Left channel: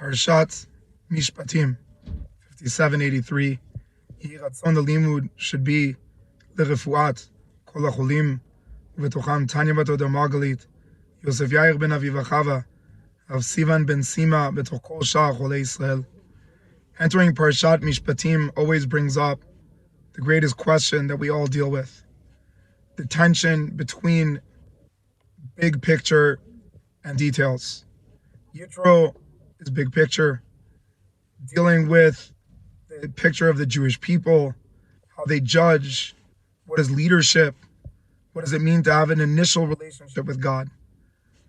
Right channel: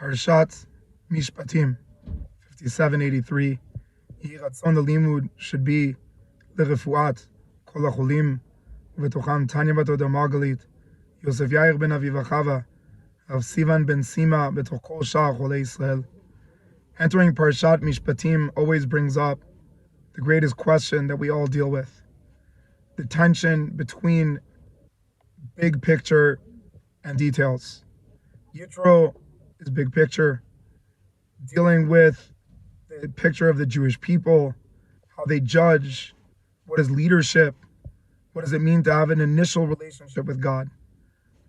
Parshat Mishpatim, 5783. Yehi Ratzon the limud should be lerefuat kol hacholim, ubetocham Tanya bat Oda Margalit, Yosef Yair ben Aviva Chava, Rav Sivan ben Sima, betoch kol shar cholei Israel. Entering Parshat Mishpatim always brings up the greatest question that we all deal with: the tension between big picture and details. Yitro is big picture, dealing with the picture of the Jewish people, how they judge, what is leadership, what does it mean to have an initial relationship with God.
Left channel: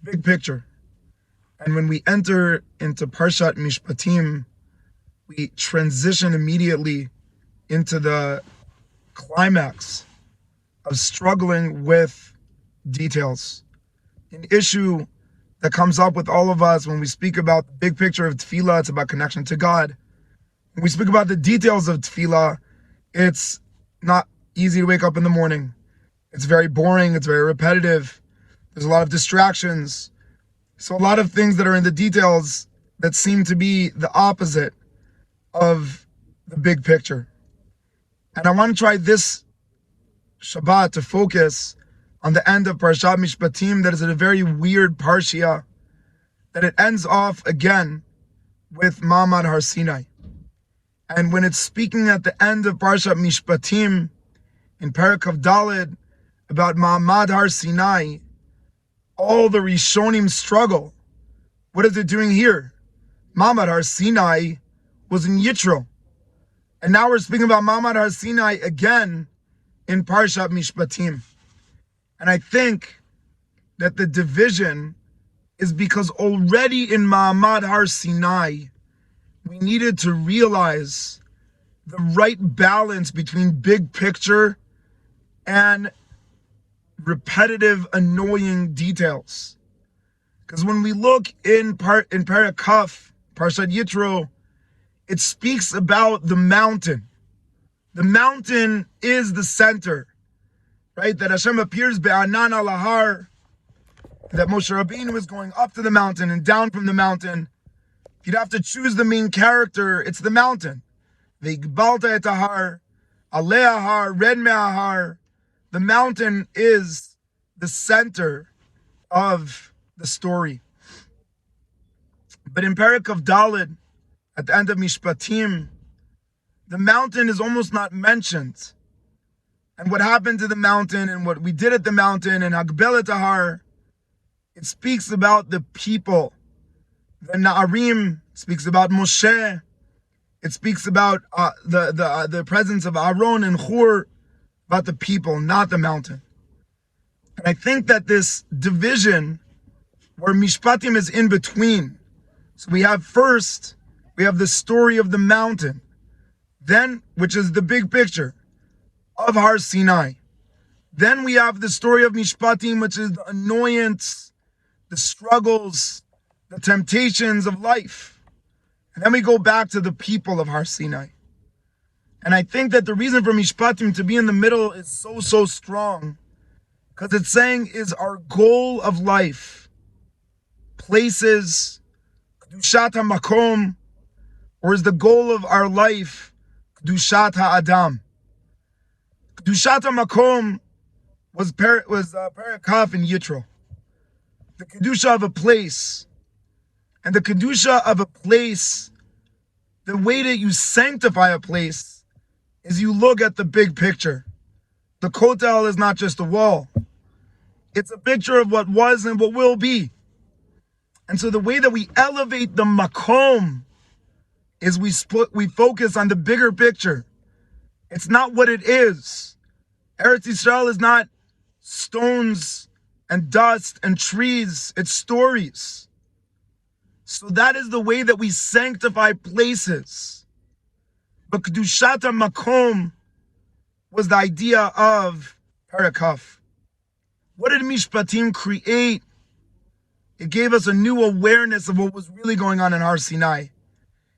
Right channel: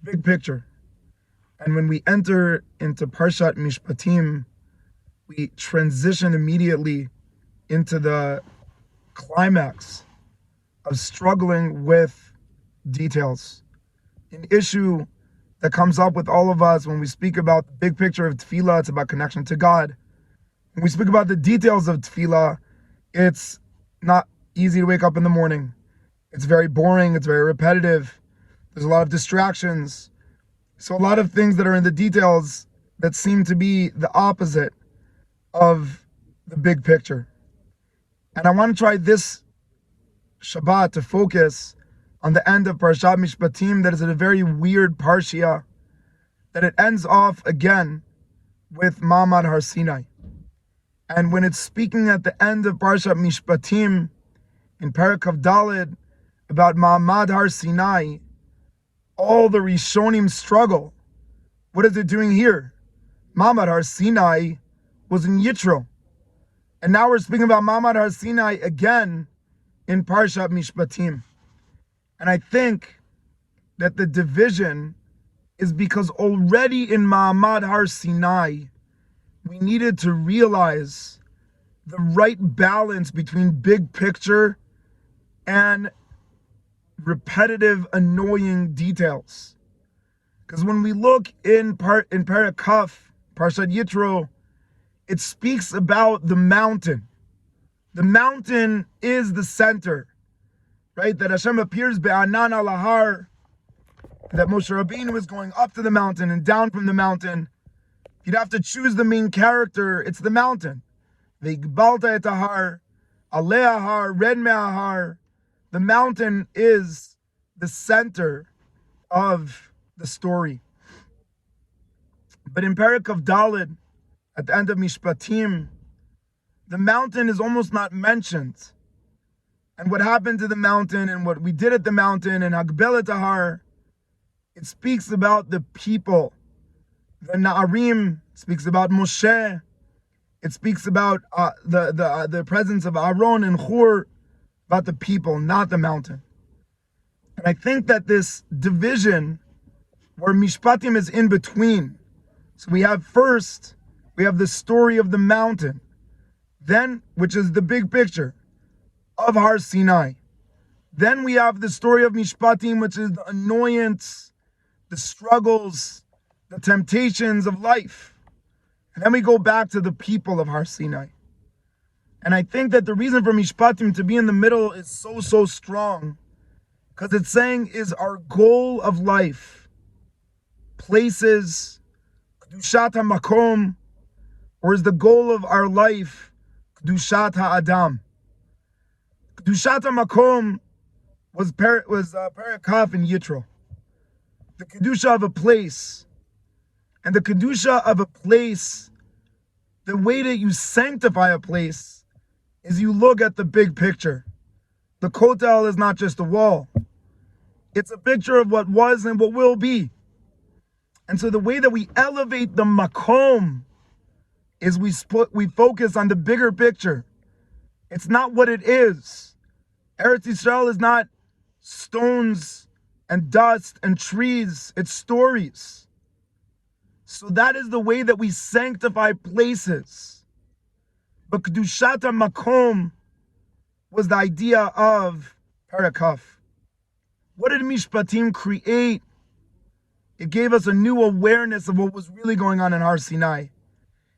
Big picture. And when we enter into Parshat Mishpatim, we transition immediately into the climax of struggling with details. An issue that comes up with all of us when we speak about the big picture of tefillah. It's about connection to God. When we speak about the details of tefillah, it's not easy to wake up in the morning. It's very boring. It's very repetitive. There's a lot of distractions. So a lot of things that are in the details that seem to be the opposite of the big picture. And I want to try this Shabbat to focus on the end of Parshat Mishpatim. That is a very weird parsha, that it ends off again with Ma'amad Har Sinai. And when it's speaking at the end of Parshat Mishpatim in Perek Kav Daled about Ma'amad Har Sinai, all the Rishonim struggle. What is it doing here? Ma'amad Har Sinai was in Yitro, and now we're speaking about Ma'amad Har Sinai again in Parshat Mishpatim. And I think that the division is because already in Ma'amad Har Sinai, we needed to realize the right balance between big picture and repetitive, annoying details. Because when we look in Perek Kaf, Parshat Yitro, it speaks about the mountain. The mountain is the center. Right, that Hashem appears be'anan al har, that Moshe Rabbeinu was going up to the mountain and down from the mountain. If you'd have to choose the main character, it's the mountain. Ve'igbalta et har, alei har, red me'ahar. The mountain is the center of the story. But in Perek Kav Daled, at the end of Mishpatim, the mountain is almost not mentioned. And what happened to the mountain and what we did at the mountain and Hagbelet Har, it speaks about the people. The Na'arim speaks about Moshe. It speaks about the presence of Aaron and Hur, about the people, not the mountain. And I think that this division, where Mishpatim is in between. So we have the story of the mountain, then, which is the big picture of Har Sinai. Then we have the story of Mishpatim, which is the annoyance, the struggles, the temptations of life. And then we go back to the people of Har Sinai. And I think that the reason for Mishpatim to be in the middle is so strong, because it's saying, is our goal of life places, kedushat hamakom, or is the goal of our life kedushat ha'adam? Kedushat HaMakom was Perek Kaf in Yitro. The kedusha of a place. And the kedusha of a place, the way that you sanctify a place is you look at the big picture. The kotel is not just a wall. It's a picture of what was and what will be. And so the way that we elevate the makom is we focus on the bigger picture. It's not what it is. Eretz Yisrael is not stones and dust and trees. It's stories. So that is the way that we sanctify places. But Kedushat HaMakom was the idea of Perek Kaf. What did Mishpatim create? It gave us a new awareness of what was really going on in Har Sinai.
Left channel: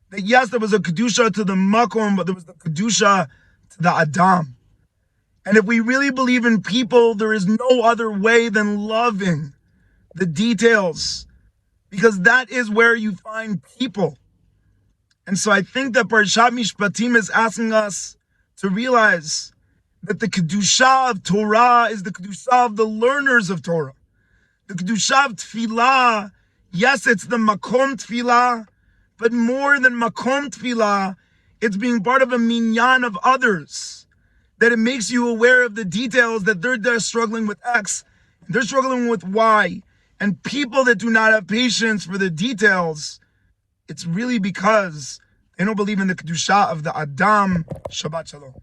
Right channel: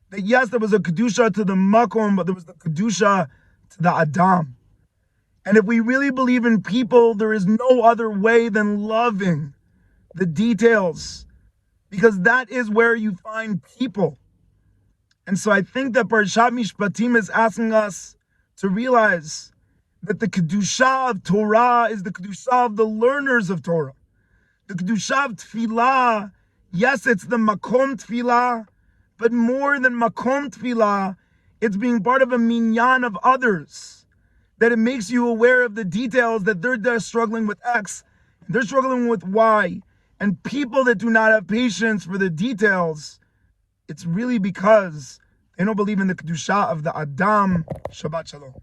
That yes, there was a Kedusha to the Makom, but there was the Kedusha to the Adam. And if we really believe in people, there is no other way than loving the details because that is where you find people. And so I think that Parashat Mishpatim is asking us to realize that the kedusha of Torah is the kedusha of the learners of Torah. The kedusha of tefillah, yes, it's the makom tefillah, but more than makom tefillah, it's being part of a minyan of others. That it makes you aware of the details, that they're struggling with X, they're struggling with Y. And people that do not have patience for the details, it's really because they don't believe in the kedusha of the Adam. Shabbat Shalom.